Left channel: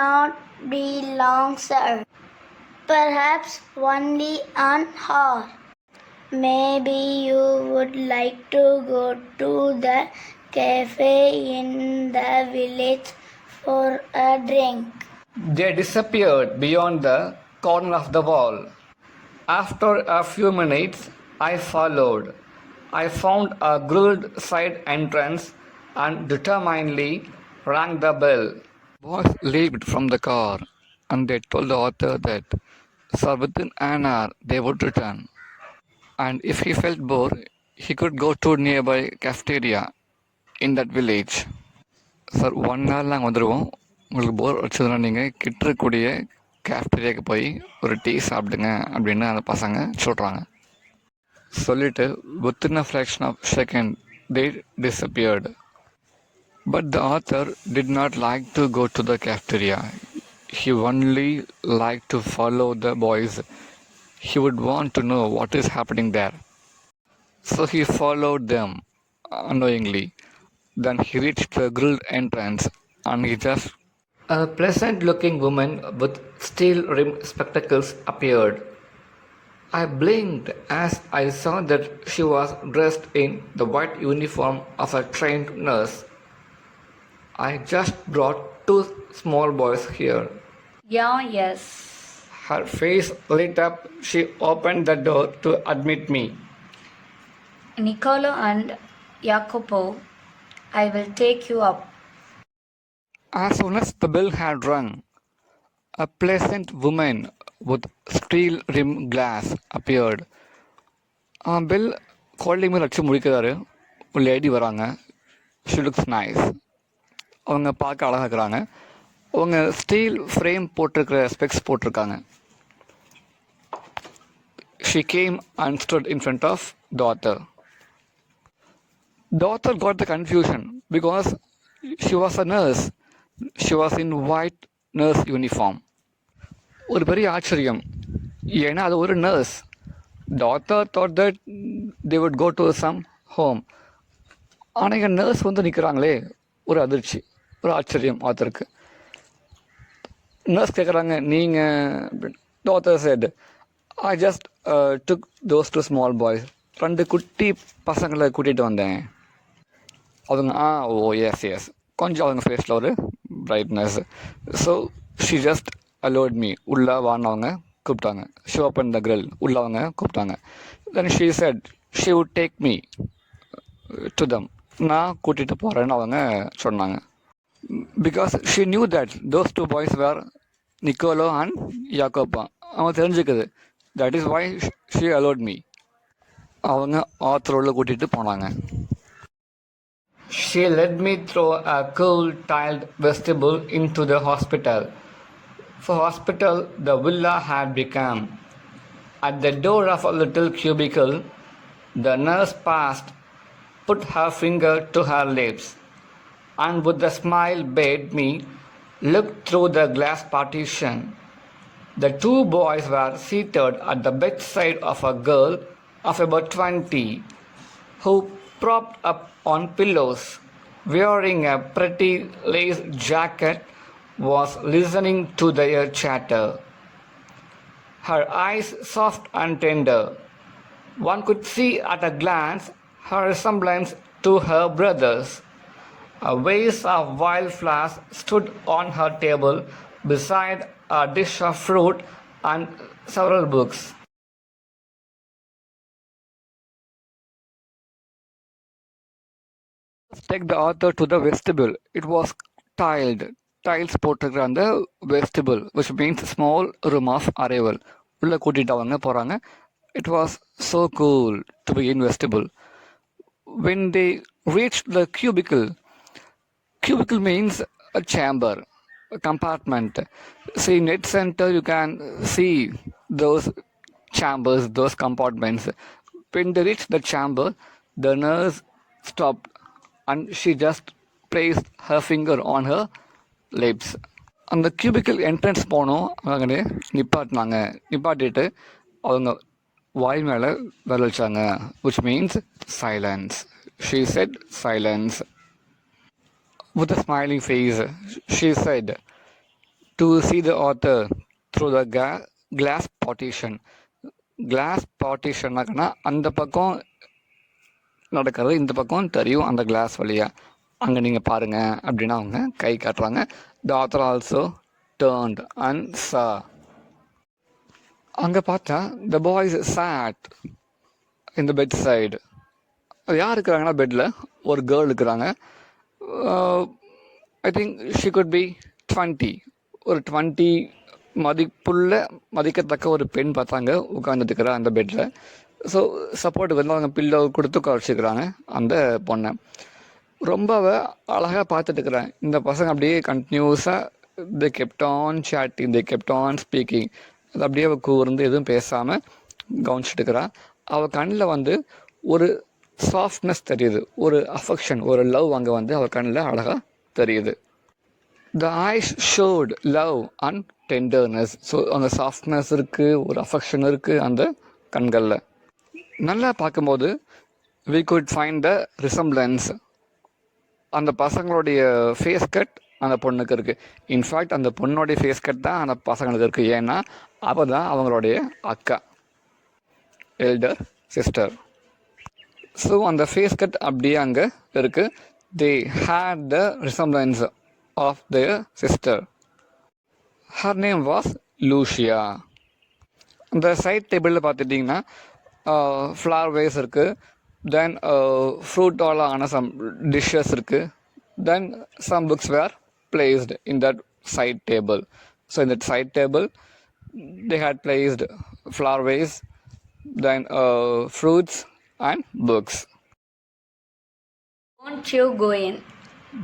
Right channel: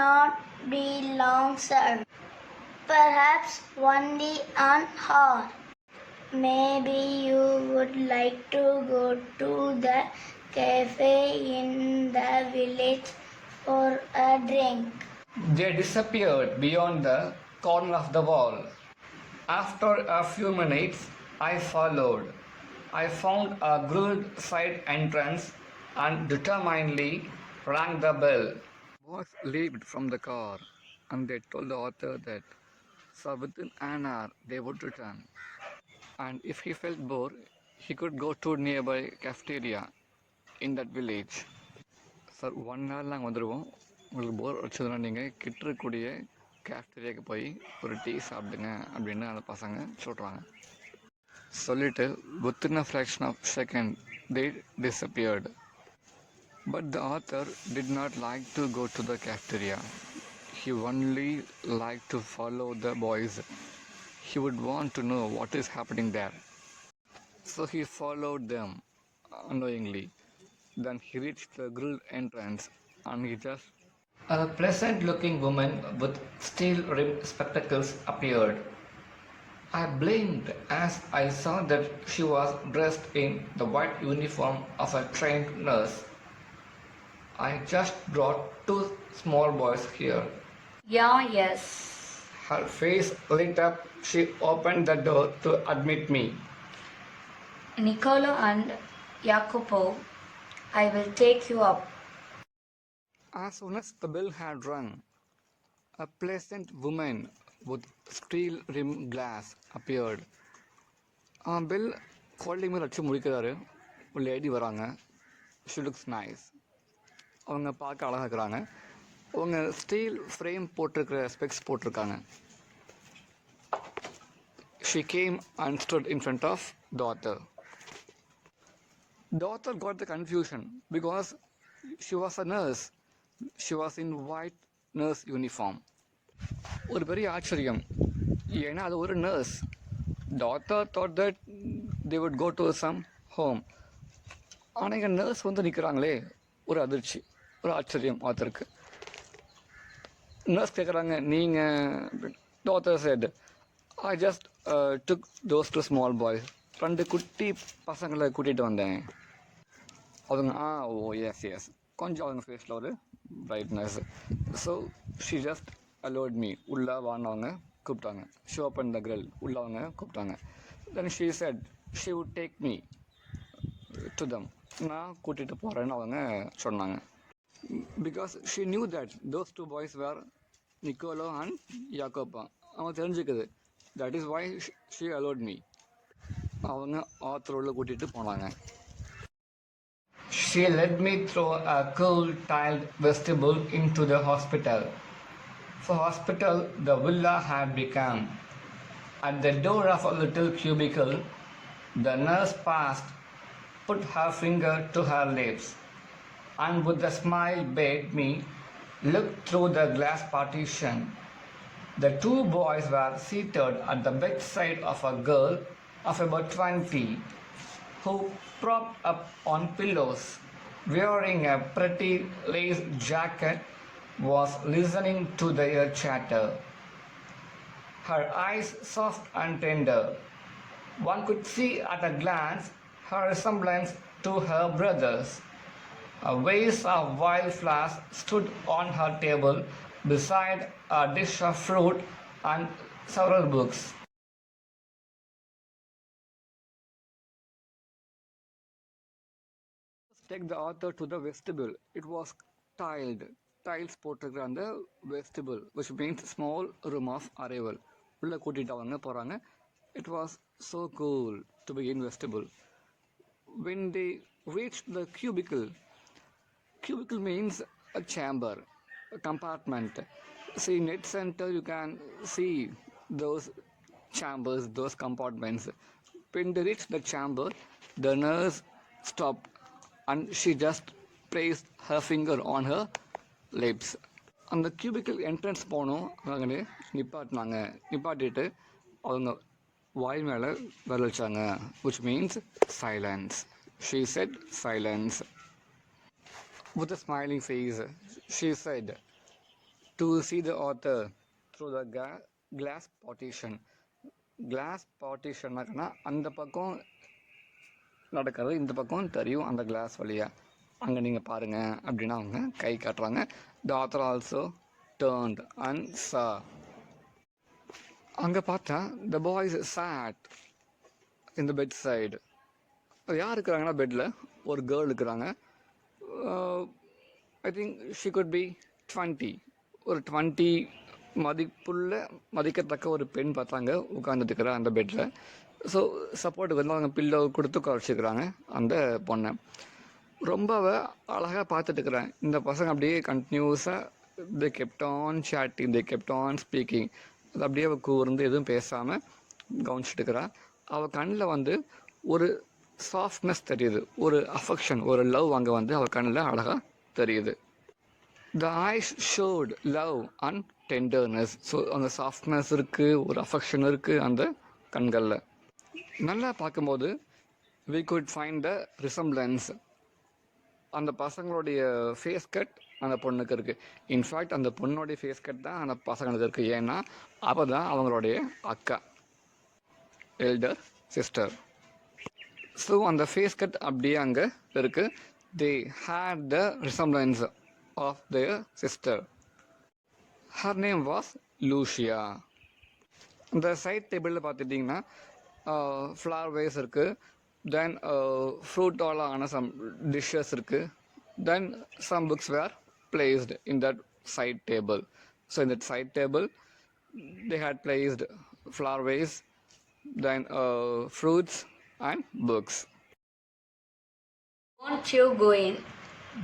not be long, sir. Perhaps only an hour. Maybe you would like to go to the cafe in the village for a drink. They disappeared beyond the corner of the wall. After a few minutes, I followed. I found a grilled side entrance and determinedly rang the bell. Boys leaped from the car and they told the author that, sir, within an hour they would return. And if he felt bored, he could go to nearby cafeteria in that village. Sir 1 hour நாங்கள் வந்துடுவோம். உங்களுக்கு போர் அடிச்சதுன்னா நீங்கள் கிட்ட இருக்கக்கூடிய கேஃப்டீரியாவுக்கு போய் ஒரு டீ சாப்பிடுங்க அப்படின்னு அந்த பசங்க சொல்கிறாங்க. சொல்லிட்டு within a fraction of second they disappeared. But the author did not like to go to the cafeteria. He only liked to follow the boys. He would want to know what is happening there. So he followed them unknowingly. Then he reached the grilled entrance and he just... A pleasant looking woman with steel rimmed spectacles appeared. I blinked as I saw that she was dressed in the white uniform of a trained nurse. I just brought 2 small boys here. Yeah, yes. Her face lit up. She opened the door to admit me. Niccolo and Jacopo, I will take you up. As soon as the bell had rung, a pleasant woman with steel rimmed glass appeared. Bell calling me அடிச்சு முடிக்கிறாரு. ஒரு லேடி வராங்க. She looks nice. அவங்க பார்க்க அழகாக இருக்கிறாங்க. அவங்க steel frame போட்டிருக்கிற ஸ்பெக்ஸ் போட்டிருக்காங்க. She came and stood in front of the author. The author got the confusion because she was a nurse. She was in white nurse uniform. ஒரு பெரிய ஆச்சரியம், ஏன்னா அது ஒரு nurse. The author thought that they would go to some home. ஆனால் இங்கே நர்ஸ் வந்து நிற்கிறாங்களே, ஒரு அதிர்ச்சி, ஒரு ஆச்சரியம் ஆத்தருக்கு. நர்ஸ் கேட்குறாங்க, நீங்கள்? The author said, I just took those 2 small boys. 2 குட்டி பசங்களை கூட்டிகிட்டு வந்தேன். அவங்க ஓ எஸ் கொஞ்சம் அவங்க ஃபேஸில் ஒரு brightness. So she just allowed me. உள்ளே வான்னு அவங்க கூப்பிட்டாங்க. She open the grill. உள்ளே அவங்க கூப்பிட்டாங்க. Then she said she would take me to them. நான் கூட்டிகிட்டு போகிறேன்னு அவங்க சொன்னாங்க. Because she knew that those 2 boys were Nicolo and Jacopo. அவங்க தெரிஞ்சுக்குது. That is why she allowed me. அவங்க ஆத்தரோட கூட்டிகிட்டு போனாங்க. She led me through a cool tiled vestibule into the hospital. For hospital the villa had become. At the door of a little cubicle, the nurse paused, put her finger to her lips, and with a smile bade me look through the glass partition. The 2 boys were seated at the bedside of a girl of about 20, who propped up on pillows, wearing a pretty lace jacket, was listening to their chatter. Her eyes soft and tender. One could see at a glance her resemblance to her brothers. A vase of wildflowers stood on her table beside a dish of fruit and several books. Take the author to the vestibule. It was tiled. Tiles போட்டிருக்கிற அந்த vestibule, which means small room of arrival. உள்ளே கூட்டிகிட்டு அவங்க போகிறாங்க. It was so cool to be in vestibule. When they reached the cubicle, cubicle means a chamber, a compartment. See, in Net Center you can see those chambers, those compartments. When they reached the chamber, the nurse stopped and she just placed her finger on her lips. அந்த cubical entrance போனோம். அவங்க நிப்பாட்டிட்டு அவங்க வாய் மேலே விரலிச்சாங்க. which means silence. She said silence. With a smiling face, she said, to see the author through the glass partition. Glass partition அந்த பக்கம் நடக்கிறது இந்த பக்கம் தெரியும் அந்த கிளாஸ் வழியாக. அங்கே நீங்கள் பாருங்கள் அப்படின்னு அவங்க கை காட்டுறாங்க. The author also turned and saw. அங்கே பார்த்தா த பாய்ஸ் சாட் இந்த பெட் சைடு. அது யார் இருக்கிறாங்கன்னா பெட்டில் ஒரு கேர்ள் இருக்கிறாங்க. I think she could be 20. ஒரு 20 மதிக்கத்தக்க ஒரு பெண் பார்த்தாங்க உட்காந்துட்டு இருக்கிற அந்த பெட்டில். ஸோ சப்போர்ட்டுக்கு வந்து அவங்க பில்லோ கொடுத்து குறைச்சிக்கிறாங்க அந்த பொண்ணை. ரொம்ப அழகாக பார்த்துட்டு இருக்கிறேன். இந்த பசங்க அப்படியே கண்டினியூஸாக they kept on chatting, they kept on speaking. அது அப்படியே அவள் கூர்ந்து எதுவும் பேசாமல் கவனிச்சுட்டு இருக்கிறான். அவள் கண்ணில் வந்து ஒரு சாஃப்ட்னஸ் தெரியுது, ஒரு அஃபெக்ஷன், ஒரு லவ் அங்கே வந்து அவள் கண்ணில் அழகாக தெரியுது. The eyes showed love and tenderness. So அந்த சாஃப்ட்னஸ் இருக்குது, ஒரு அஃபெக்ஷன் இருக்குது அந்த கண்களில். நல்லா பார்க்கும்போது we could find the resemblance. அந்த பசங்களுடைய ஃபேஸ் கட் அந்த பொண்ணுக்கு இருக்குது. இன்ஃபேக்ட் அந்த பொண்ணுடைய ஃபேஸ் கட் தான் அந்த பசங்களுக்கு இருக்குது. ஏன்னா அவள் தான் அவங்களுடைய அக்கா, எல்டர் சிஸ்டர். ஸோ அந்த ஃபேஸ் கட் அப்படியே அங்கே இருக்குது. they had the resemblance of their sister. her name was Lucia. இந்த சைட் டேபிளில் பார்த்துட்டிங்கன்னா ஃப்ளவர் வேஸ் இருக்குது, தென் ஃப்ரூட்டால் ஆன சம் டிஷ்ஷஸ் இருக்குது, then some books were placed in that side table. So in that side table they had placed flower vase, then fruits and books. Won't you go in?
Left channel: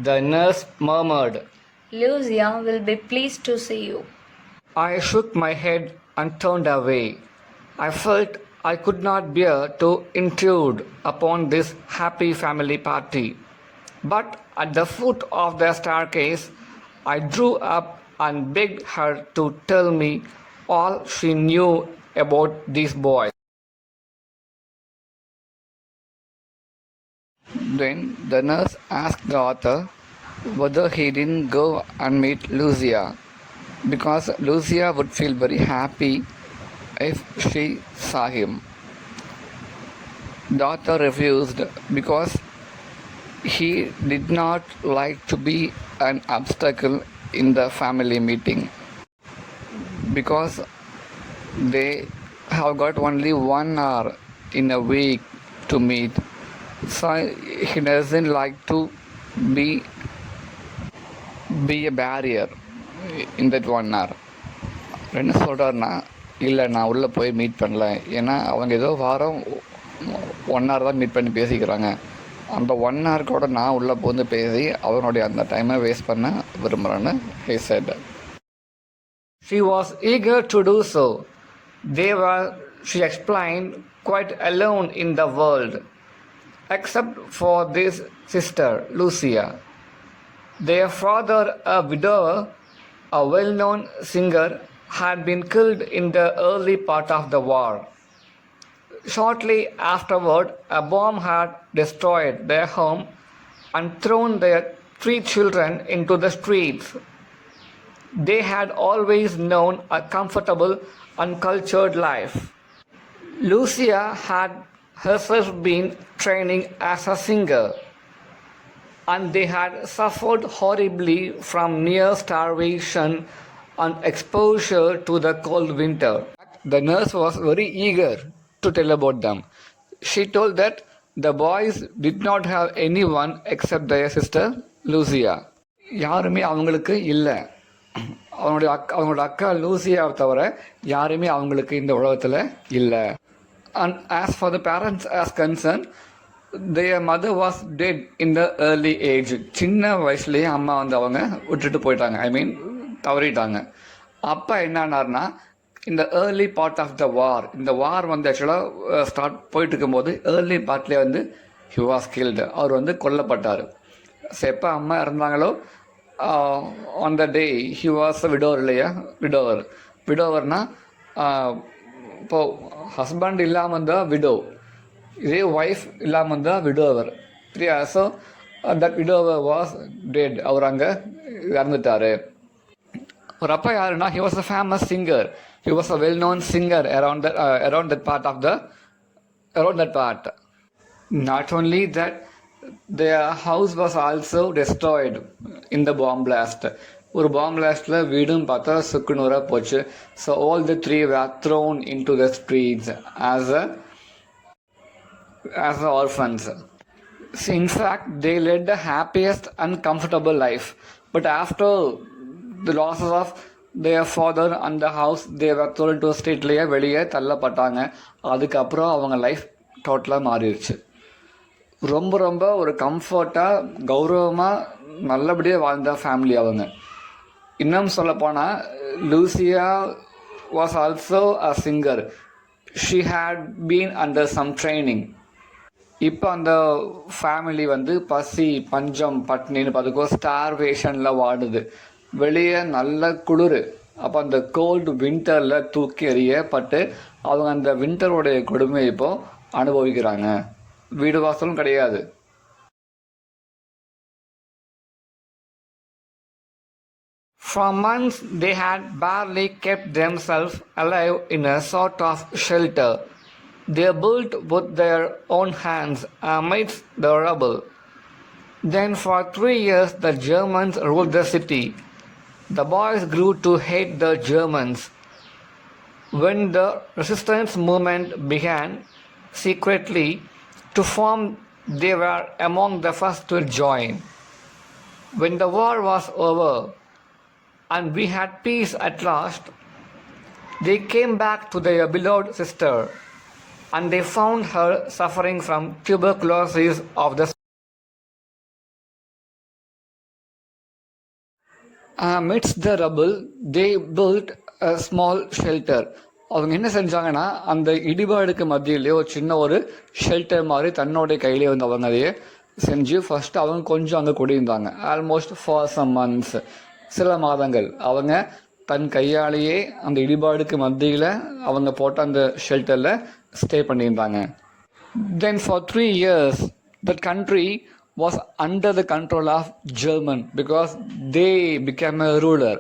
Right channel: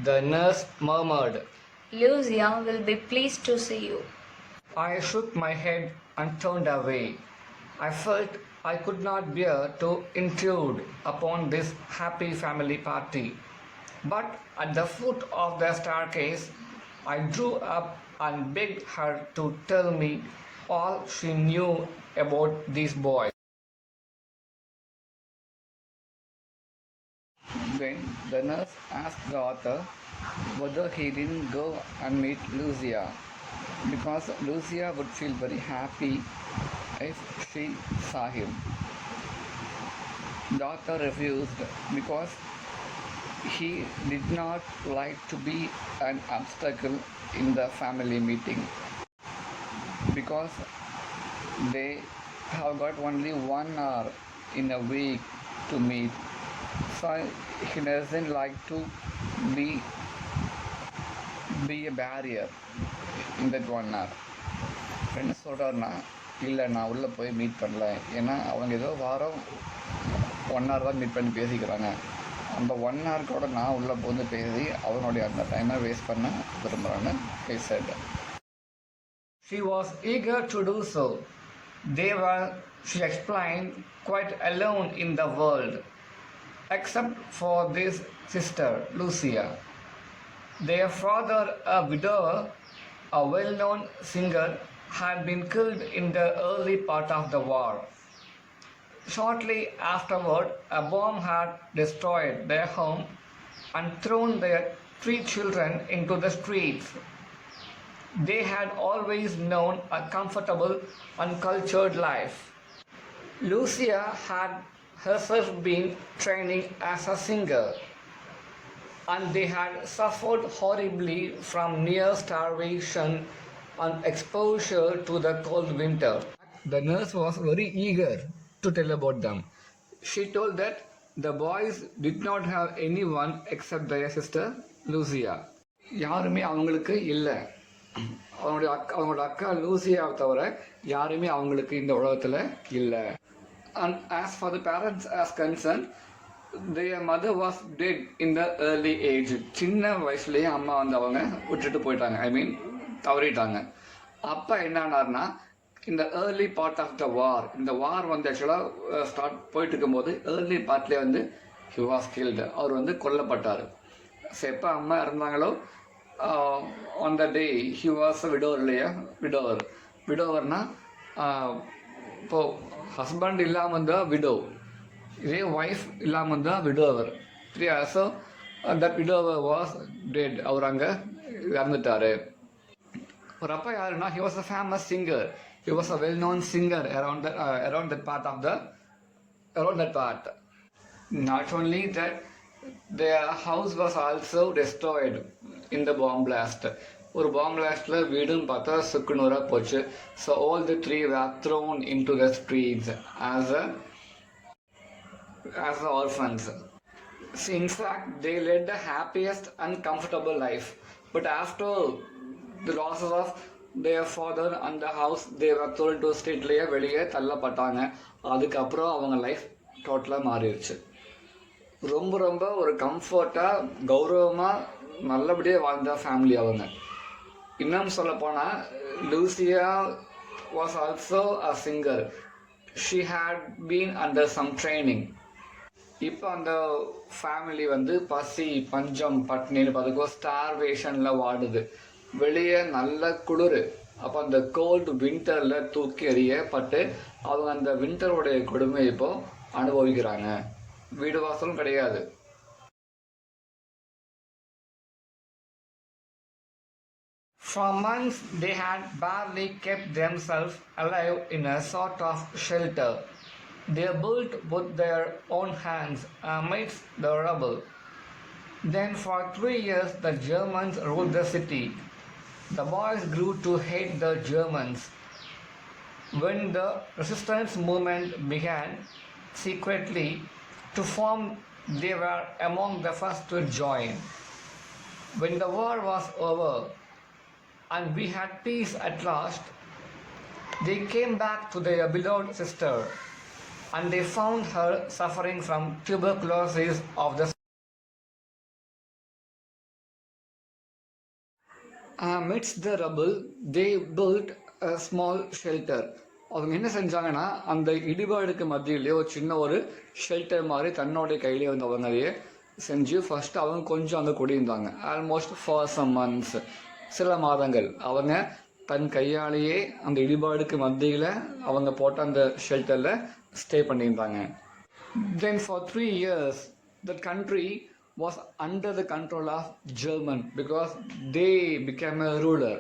The nurse murmured. Lucia will be pleased to see you. I shook my head and turned away. I felt I could not bear to intrude upon this happy family party. But at the foot of the staircase, I drew up and begged her to tell me all she knew about these boys. Then the nurse asked the author whether he didn't go and meet Lucia, because Lucia would feel very happy if she saw him. The author refused because he did not like to be an obstacle in the family meeting, because they have got only 1 hour in a week to meet. So he doesn't like to be a barrier in that 1 hour. என்ன சொல்கிறாருன்னா, இல்லை நான் உள்ளே போய் மீட் பண்ணல, ஏன்னா அவங்க ஏதோ வாரம் 1 hour தான் மீட் பண்ணி பேசிக்கிறாங்க. அந்த 1 hour கூட நான் உள்ளே போந்து பேசி அவனுடைய அந்த டைமை வேஸ்ட் பண்ண விரும்புகிறேன்னு he said. She was eager to do so. They were, she explained, quite alone in the world, except for this sister, Lucia. Their father, a widower, a well-known singer, had been killed in the early part of the war. Shortly afterward, a bomb had destroyed their home and thrown their 3 children into the streets. They had always known a comfortable and cultured life. Lucia had herself been training as a singer, and they had suffered horribly from near starvation and exposure to the cold winter. The nurse was very eager to tell about them. She told that the boys did not have anyone except their sister Lucia. யாருமே அவங்களுக்கு இல்லை. அவங்களோட அக்கா லூசியாவை தவிர யாருமே அவங்களுக்கு இந்த உலகத்தில் இல்லை. And as for the parents as concerned, their mother was dead in the early age. சின்ன வயசுலேயே அம்மா வந்து அவங்க விட்டுட்டு போயிட்டாங்க, தவறிட்டாங்க. அப்போ என்னன்னார்னா, இந்த ஏர்லி பார்ட் ஆஃப் த வார், இந்த வார் வந்து ஆக்சுவலாக ஸ்டார்ட் போயிட்டு இருக்கும்போது ஏர்லி பார்ட்லேயே வந்து ஹி வாஸ் கில்டு, அவர் வந்து கொல்லப்பட்டார். ஸோ எப்போ அம்மா இறந்தாங்களோ on the day he was widower இல்லையா, விடோவர்னால் இப்போது ஹஸ்பண்ட் இல்லாமல் இருந்தால் விடோ, இதே ஒய்ஃப் இல்லாமல் இருந்தால் விடோவர் இல்லையா. So that widower was dead, அவர் அங்கே இறந்துட்டார். ஒரு அப்பா யாருன்னா, he was a famous singer. He was a well-known singer around that part of the around that part. Not only that, their house was also destroyed in the bomb blast. ஒரு பாம் பிளாஸ்ட்ல வீடும் பார்த்தா சுக்குநூறா போச்சு. So all the three were thrown into the streets as orphans. So in fact, they led the happiest and comfortable life. But after the losses of their father and the house, they were thrown to ஸ்ட்ரீட்லேயே வெளியே தள்ளப்பட்டாங்க. அதுக்கப்புறம் அவங்க லைஃப் டோட்டலாக மாறிடுச்சு. ரொம்ப ரொம்ப ஒரு கம்ஃபர்ட்டாக கௌரவமாக நல்லபடியாக வாழ்ந்த ஃபேமிலி அவங்க. இன்னும் சொல்லப்போனால் Lucia was also a singer. She had been under some training. இப்போ அந்த ஃபேமிலி வந்து பசி பஞ்சம் பட்னின்னு பார்த்துக்கோ ஸ்டார்வேஷனில் வாடுது. வெளியே நல்ல குளிர். அப்போ அந்த கோல்டு வின்டரில் தூக்கி எறியப்பட்டு அவங்க அந்த வின்டருடைய கொடுமையை இப்போ அனுபவிக்கிறாங்க. வீடு வாசலும் கிடையாது. For months they had barely kept themselves alive in a sort of shelter they built with their own hands amidst the rubble. Then for 3 years the Germans ruled the city. The boys grew to hate the Germans. When the resistance movement began secretly to form, they were among the first to join. When the war was over and we had peace at last, they came back to their beloved sister and they found her suffering from tuberculosis of the amidst the rubble. They built a small shelter. அவங்க என்ன செஞ்சாங்கன்னா, அந்த இடிபாடுக்கு மத்தியிலே ஒரு சின்ன ஒரு ஷெல்டர் மாதிரி தன்னோடைய கையிலே வந்து அவங்க அதையே செஞ்சு ஃபர்ஸ்ட் அவங்க கொஞ்சம் அங்கே குடியிருந்தாங்க. ஆல்மோஸ்ட் ஃபார் சம் மந்த்ஸ், சில மாதங்கள் அவங்க தன் கையாலேயே அந்த இடிபாடுக்கு மத்தியில் அவங்க போட்ட அந்த ஷெல்டரில் ஸ்டே பண்ணியிருந்தாங்க. Then for 3 years the country was under the control of German because they became a ruler.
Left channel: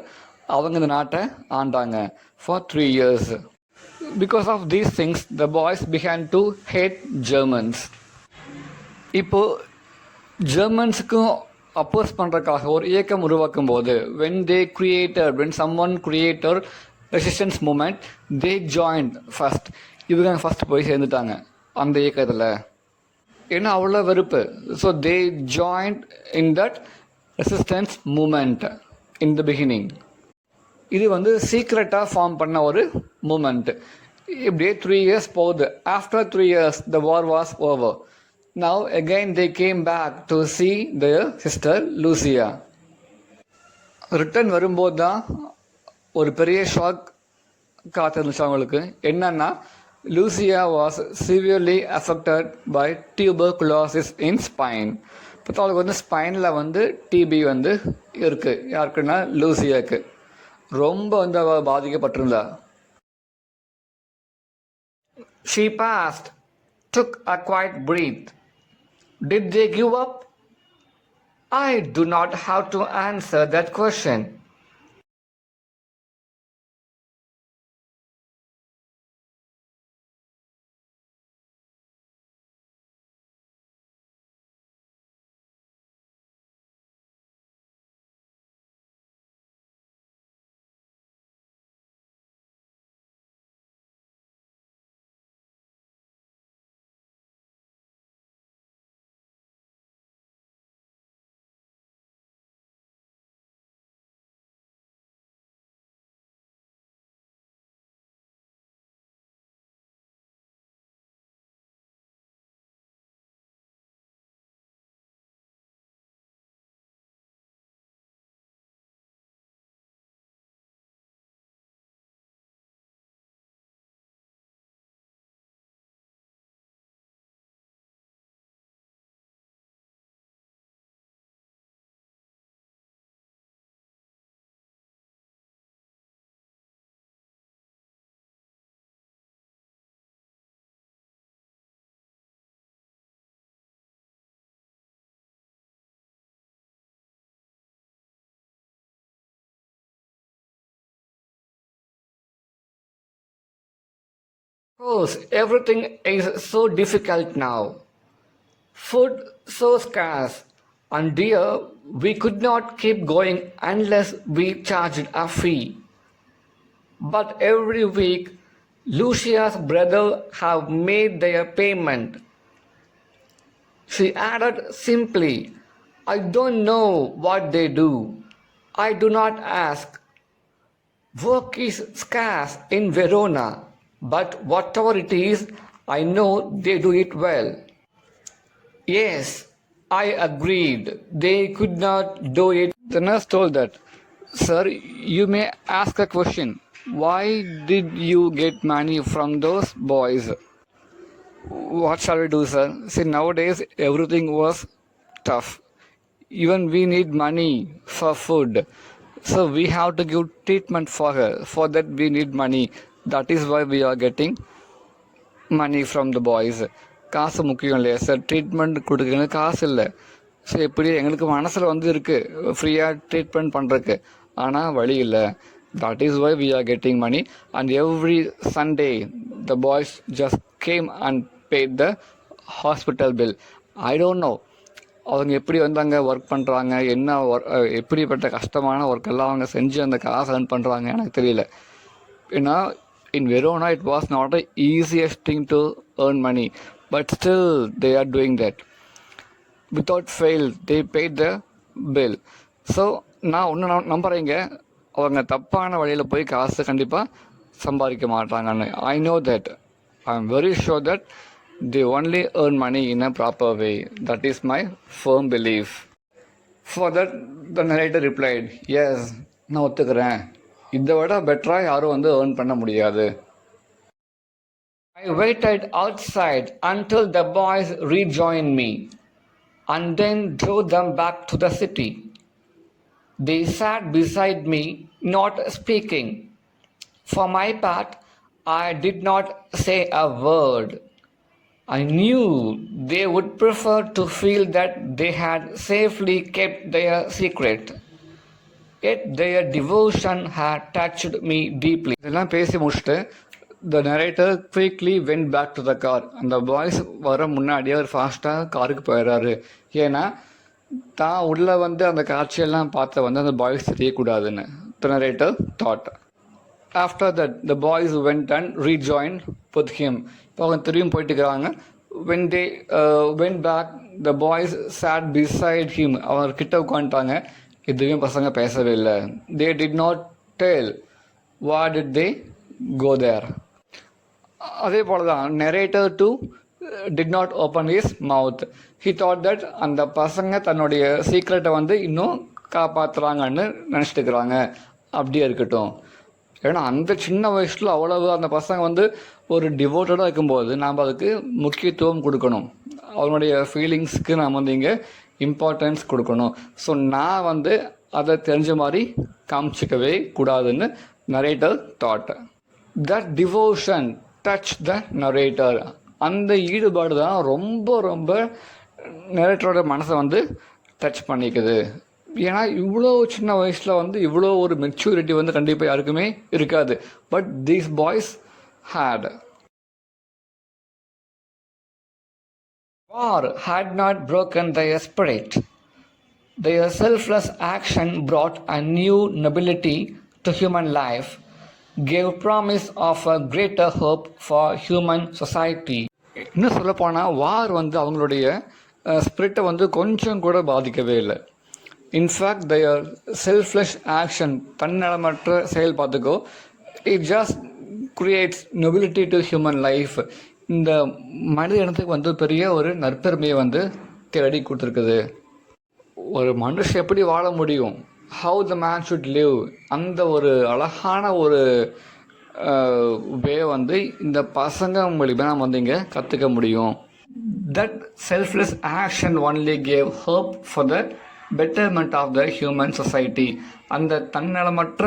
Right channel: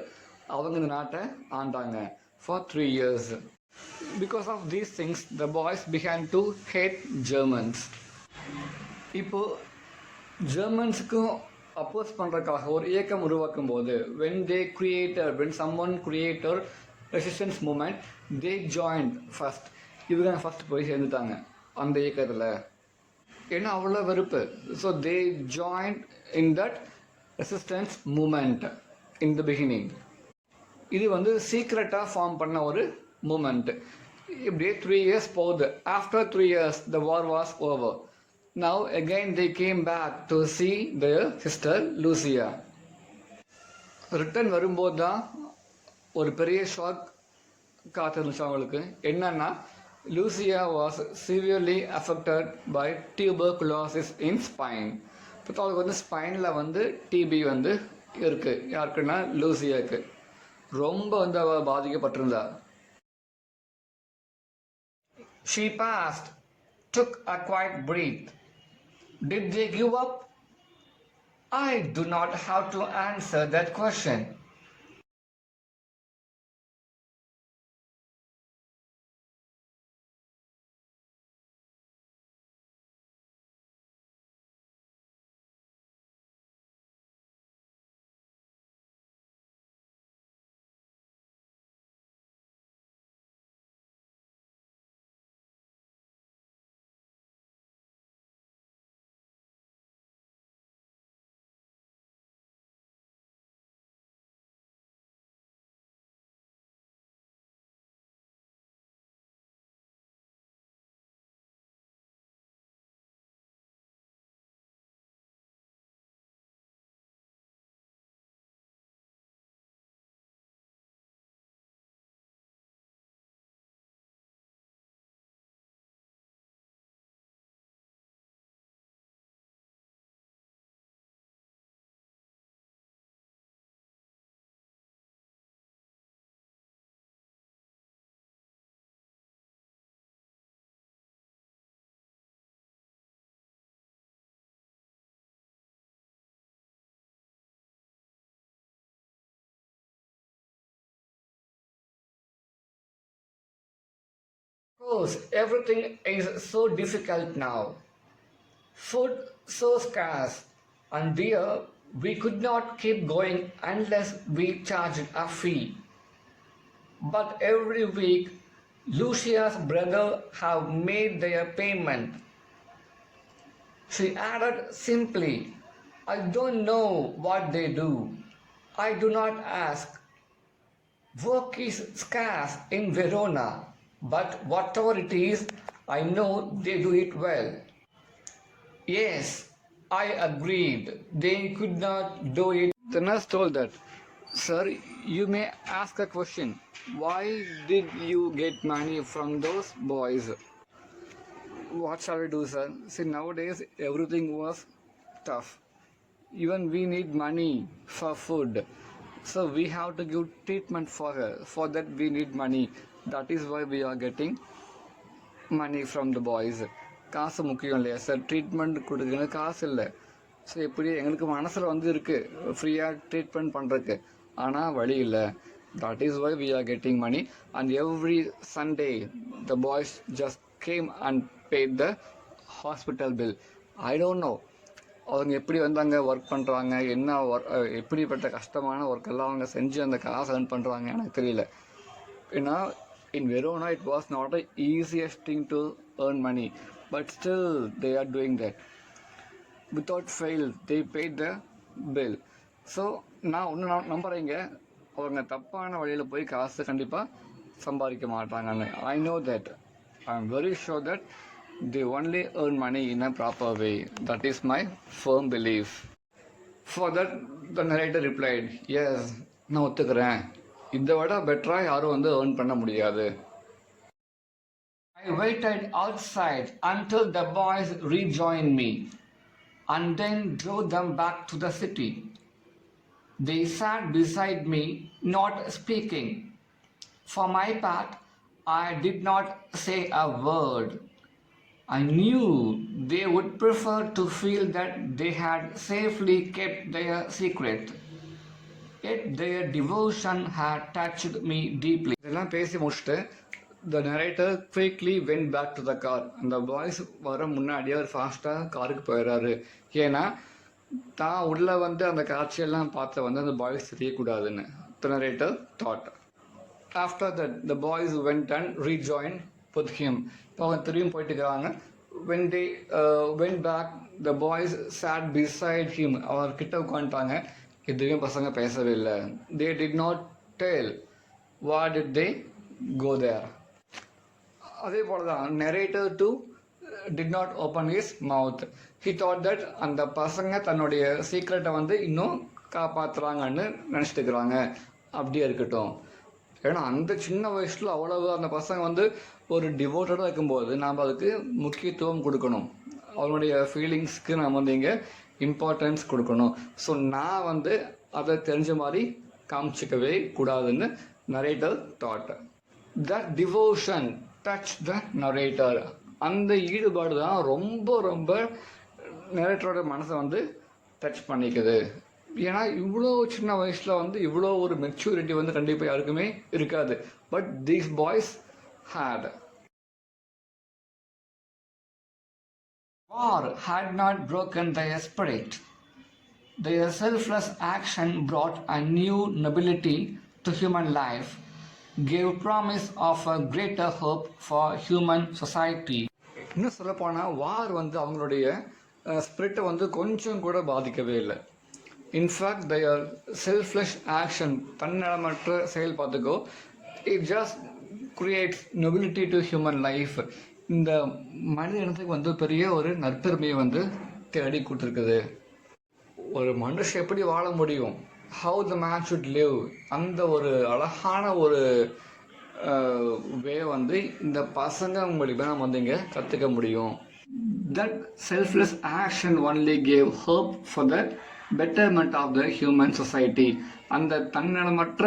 அவங்க இந்த நாட்டை ஆண்டாங்க for 3 years. Because of these things the boys began to hate Germans. இப்போ ஜெர்மன்ஸுக்கும் அப்போஸ் பண்ணுறதுக்காக ஒரு இயக்கம் உருவாக்கும் போது when someone created resistance movement, they joined first. இவங்க ஃபஸ்ட் போய் சேர்ந்துட்டாங்க அந்த இயக்கத்தில். ஏன்னா அவ்வளோ வெறுப்பு. So they joined in that resistance movement in the beginning. இது வந்து சீக்ரெட்டாக ஃபார்ம் பண்ண ஒரு மூமெண்ட். இப்படியே 3 years போகுது. After 3 years the war was over. Now again they came back to see their sister Lucia. Return வரும்போது தான் ஒரு பெரிய ஷாக் காத்திருந்துச்சு அவங்களுக்கு. என்னன்னா, Lucia was severely affected by tuberculosis in spine. இப்போ அவளுக்கு வந்து ஸ்பைனில் வந்து டிபி வந்து இருக்குது. யாருக்குன்னா லூசியாவுக்கு ரொம்ப வந்து அவள் பாதிக்கப்பட்டிருந்தா. She passed, took a quiet breath. Did they give up? I do not have to answer that question. course, everything is so difficult now. Food so scarce, and dear, we could not keep going unless we charged a fee. But every week, Lucia's brother have made their payment. She added simply, I don't know what they do. I do not ask. Work is scarce in Verona, but whatever it is, I know they do it well. Yes, I agreed. They could not do it. The nurse told that, Sir, you may ask a question. Why did you get money from those boys? What shall we do, sir? See, nowadays everything was tough. Even we need money for food. So we have to give treatment for her. For that we need money. That is why we are getting money from the boys. காசு முக்கியம் இல்லையா sir, treatment கொடுக்குறது காசு இல்லை. ஸோ எப்படி எங்களுக்கு மனசில் வந்து இருக்குது ஃப்ரீயாக ட்ரீட்மெண்ட் பண்ணுறதுக்கு, ஆனால் வழி இல்லை. That is why we are getting money. And every Sunday the boys just came and paid the hospital bill. I don't know அவங்க எப்படி வந்து அங்கே ஒர்க் பண்ணுறாங்க, என்ன எப்படிப்பட்ட கஷ்டமான ஒர்க் எல்லாம் அவங்க செஞ்சு அந்த காசு earn பண்ணுறாங்க எனக்கு தெரியல. ஏன்னா in Verona it was not the easiest thing to earn money, but still they are doing that. Without fail they paid the bill. So நான் ஒன்று நம்புறீங்க, அவங்க தப்பான வழியில் போய் காசு கண்டிப்பாக சம்பாதிக்க மாட்டாங்கன்னு. I know that. I am very sure that they only earn money in a proper way. That is my firm belief. For that the narrator replied, yes, நான் ஒத்துக்கிறேன். இதை விட பெட்டராக யாரும் வந்து ஏர்ன் பண்ண முடியாது. I waited outside until the boys rejoined me and then drove them back to the city. They sat beside me, not speaking. For my part, I did not say a word. I knew they would prefer to feel that they had safely kept their secret. Yet their devotion had touched me deeply. இதெல்லாம் பேசி முடிச்சுட்டு the narrator quickly went back to the car. அந்த பாய்ஸ் வர முன்னாடியே அவர் ஃபாஸ்ட்டாக காருக்கு போயிடுறாரு. ஏன்னா தான் உள்ளே வந்து அந்த காட்சியெல்லாம் பார்த்த வந்து அந்த பாய்ஸ் தெரியக்கூடாதுன்னு the narrator thought. After that the boys went and rejoined with him. அவங்க திரும்பியும் போயிட்டு இருக்கிறாங்க. When they went back, the boys sat beside him. அவர் கிட்ட உட்காந்துட்டாங்க. எதுவுமே பசங்க பேசவே இல்லை. They did not tell why did they go there. அதே போல தான் narrator too did not open his mouth. He thought that அந்த பசங்க தன்னுடைய சீக்ரெட்டை வந்து இன்னும் காப்பாற்றுறாங்கன்னு நினச்சிட்டு இருக்கிறாங்க. அப்படியே இருக்கட்டும். ஏன்னா அந்த சின்ன வயசில் அவ்வளவு அந்த பசங்க வந்து ஒரு டிவோட்டடாக இருக்கும்போது நாம் அதுக்கு முக்கியத்துவம் கொடுக்கணும். அவனுடைய ஃபீலிங்ஸ்க்கு நாம் வந்து இங்கே இம்பார்ட்டன்ஸ் கொடுக்கணும். ஸோ நான் வந்து அதை தெரிஞ்ச மாதிரி காமிச்சிக்கவே கூடாதுன்னு narrator thought. That devotion touch the narrator. அந்த ஈடுபாடு தான் ரொம்ப ரொம்ப நரேட்டரோட மனசை வந்து டச் பண்ணிக்குது. ஏன்னா இவ்வளோ சின்ன வயசில் வந்து இவ்வளோ ஒரு மெச்சூரிட்டி வந்து கண்டிப்பாக யாருக்குமே இருக்காது. But these boys had. War had not broken their spirit. Their selfless action brought a new nobility to human life, gave promise of a greater hope for human society. இன்னும் சொல்லப்போனால் வார் வந்து அவங்களுடைய ஸ்பிரிட்டை வந்து கொஞ்சம் கூட பாதிக்கவே இல்லை. இன்ஃபேக்ட் their selfless action, தன்னலமற்ற செயல் பார்த்துக்கோ, it just creates nobility to human life. இந்த மனித இனத்துக்கு வந்து பெரிய ஒரு நற்பெருமையை வந்து தேடி கொடுத்துருக்குது. ஒரு மனுஷன் எப்படி வாழ முடியும், how the man should live, அந்த ஒரு அழகான ஒரு வே வந்து இந்த பசங்க மூலிமா நம்ம வந்து இங்கே கற்றுக்க முடியும். That selfless action only gave hope for the betterment of the human society. அந்த தன்னலமற்ற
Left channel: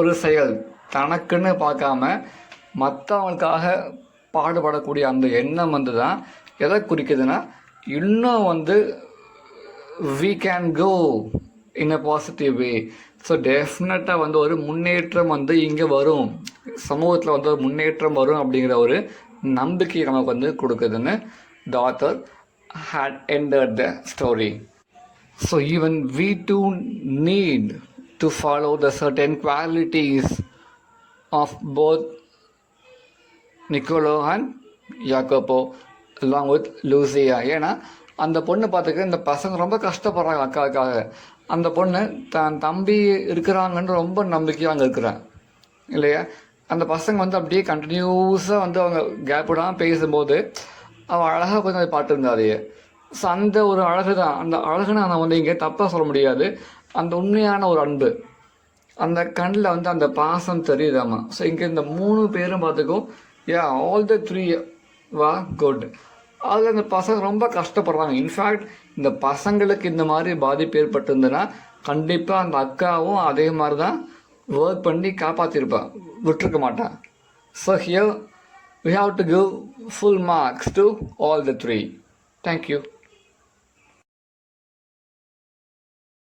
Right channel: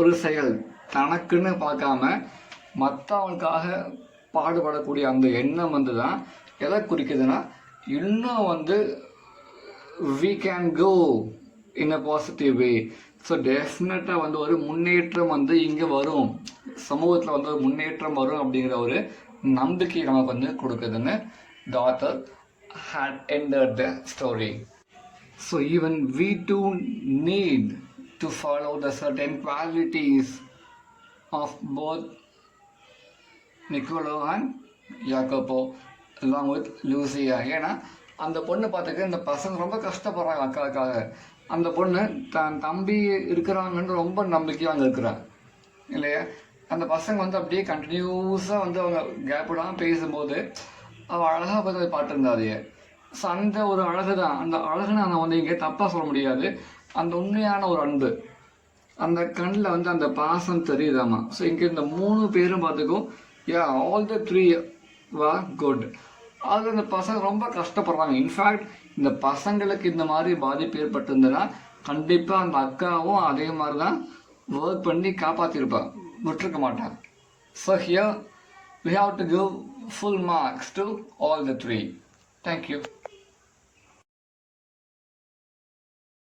ஒரு செயல், தனக்குன்னு பார்க்காம மற்றவங்களுக்காக பாடுபடக்கூடிய அந்த எண்ணம் வந்து தான் எதை குறிக்குதுன்னா, இன்னும் வந்து we can go in a positive way. So டெஃபினட்டாக வந்து ஒரு முன்னேற்றம் வந்து இங்கே வரும். சமூகத்தில் வந்து முன்னேற்றம் வரும் அப்படிங்கிற ஒரு நம்பிக்கை நமக்கு வந்து கொடுக்குதுன்னு the author had ended the story. So even we too need to follow the certain qualities of both Niccolo and Jacopo along with Lucia. ஏன்னா அந்த பொண்ணு பார்த்துக்க இந்த பசங்க ரொம்ப கஷ்டப்படுறாங்க அக்காவுக்காக. அந்த பொண்ணு தான் தம்பி இருக்கிறாங்கன்ற ரொம்ப நம்பிக்கையாக அங்கே இருக்கிறான் இல்லையா. அந்த பசங்க வந்து அப்படியே கண்டினியூஸாக வந்து அவங்க கேப் விடாமல் பேசும்போது அவள் அழகாக கொஞ்சம் அதை பாட்டுருந்தாதையே. ஸோ அந்த ஒரு அழகு தான், அந்த அழகு நான் வந்து இங்கே தப்பாக சொல்ல முடியாது. அந்த உண்மையான ஒரு அன்பு, அந்த கண்ணில் வந்து அந்த பாசம் தெரியுதாம்மா. ஸோ இங்கே இந்த 3 பேரும் பார்த்துக்கும் ஆல் த 3 were குட். அதில் இந்த பசங்க ரொம்ப கஷ்டப்படுறாங்க. இன்ஃபேக்ட் இந்த பசங்களுக்கு இந்த மாதிரி பாதிப்பு ஏற்பட்டிருந்ததுன்னா கண்டிப்பாக அந்த அக்காவும் அதே மாதிரி தான் ஒர்க் பண்ணி காப்பாற்றிருப்பான், விட்டுருக்க மாட்டான். So here we have to give full marks to all the 3. Thank you.